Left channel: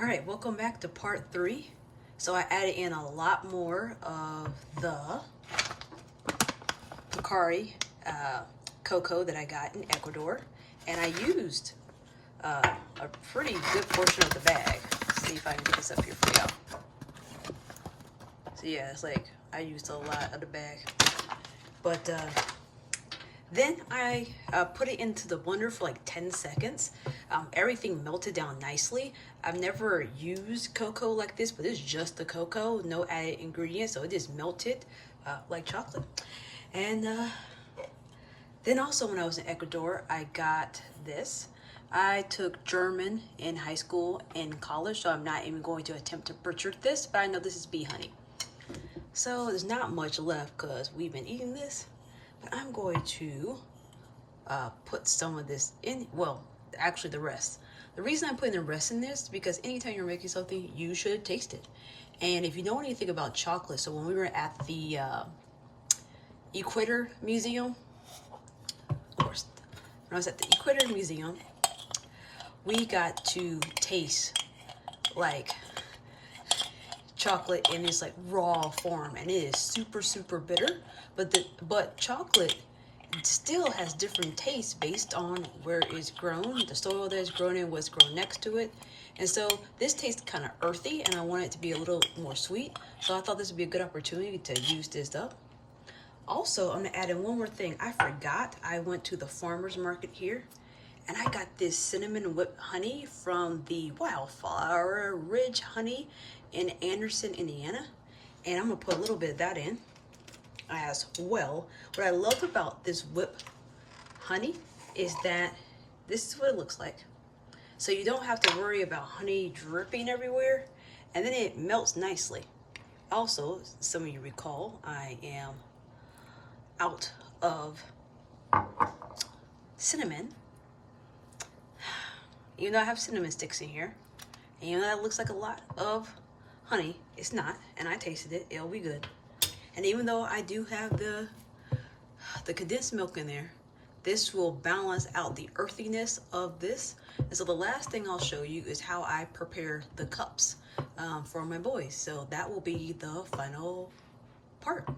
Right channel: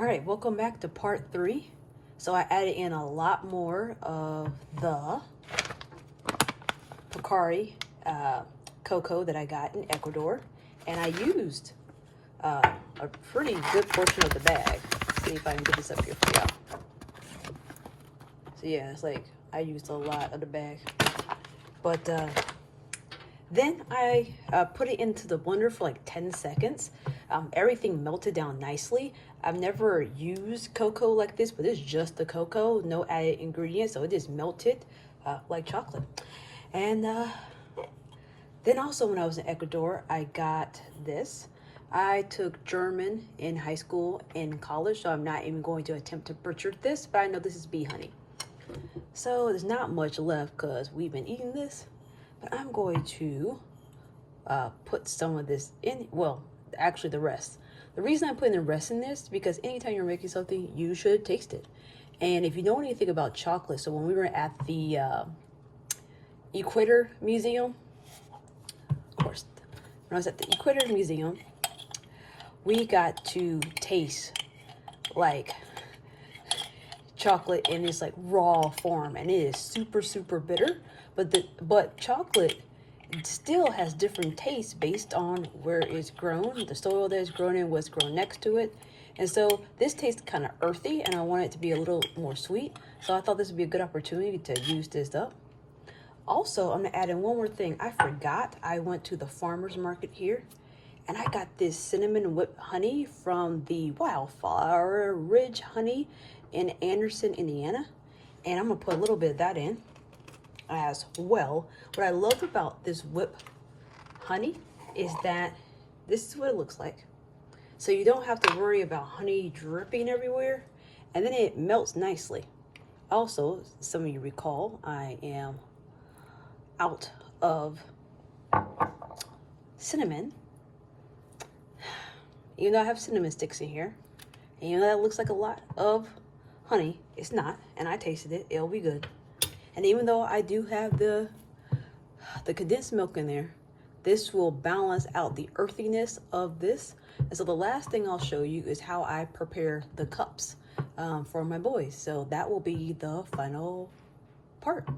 All right, welcome back to part 3. So I added in a lot more of the Picari cocoa that I got in Ecuador, and I used a pretty good portion of the bag. Let's see if I can get this up here for y'all. So yeah, it's like I used a lot of the bag, but then I put it into the blender for like 10 seconds. Everything melted down nicely. I've never used cocoa like this, but it's just the cocoa, no added ingredients, so it just melted like chocolate. And then also when I was in Ecuador, I got this. I took German in high school and college, so I'm not even going to attempt to butcher this, but I know this is bee honey. So there's not much left because we've been eating this, but I'm going to put some of this in, well, actually the rest. The reason I'm putting the rest in this is because anytime you're making something, you should taste it. And if you know anything about chocolate, so when we were at the Equator Museum, of course, when I was at the Equator Museum, we got to taste like chocolate in this like raw form, and it is super bitter, but chocolate still has different tastes based on where it's grown, the soil that it's grown in, what's grown next to it. And so this tastes kind of earthy, and I want it to be a little more sweet, so I thought this would be a good opportunity to use this up. Also, I'm gonna add in one more thing. I forgot I went to the farmer's market here, and I got this cinnamon whipped honey from the Wildflower Ridge Honey in Anderson, Indiana. And I'm gonna put a little bit of that in as well. What I love about this whipped honey is that this is what it looks like. So you don't have to worry about honey dripping everywhere, and then it melts nicely. Also, some of you recall, I am out of cinnamon. Even though I have cinnamon sticks in here, and even though that looks like a lot of honey, it's not, and I tasted it, it'll be good. And even though I do have the condensed milk in there, this will balance out the earthiness of this. And so the last thing I'll show you is how I prepare the cups for my boys. So that will be the final part.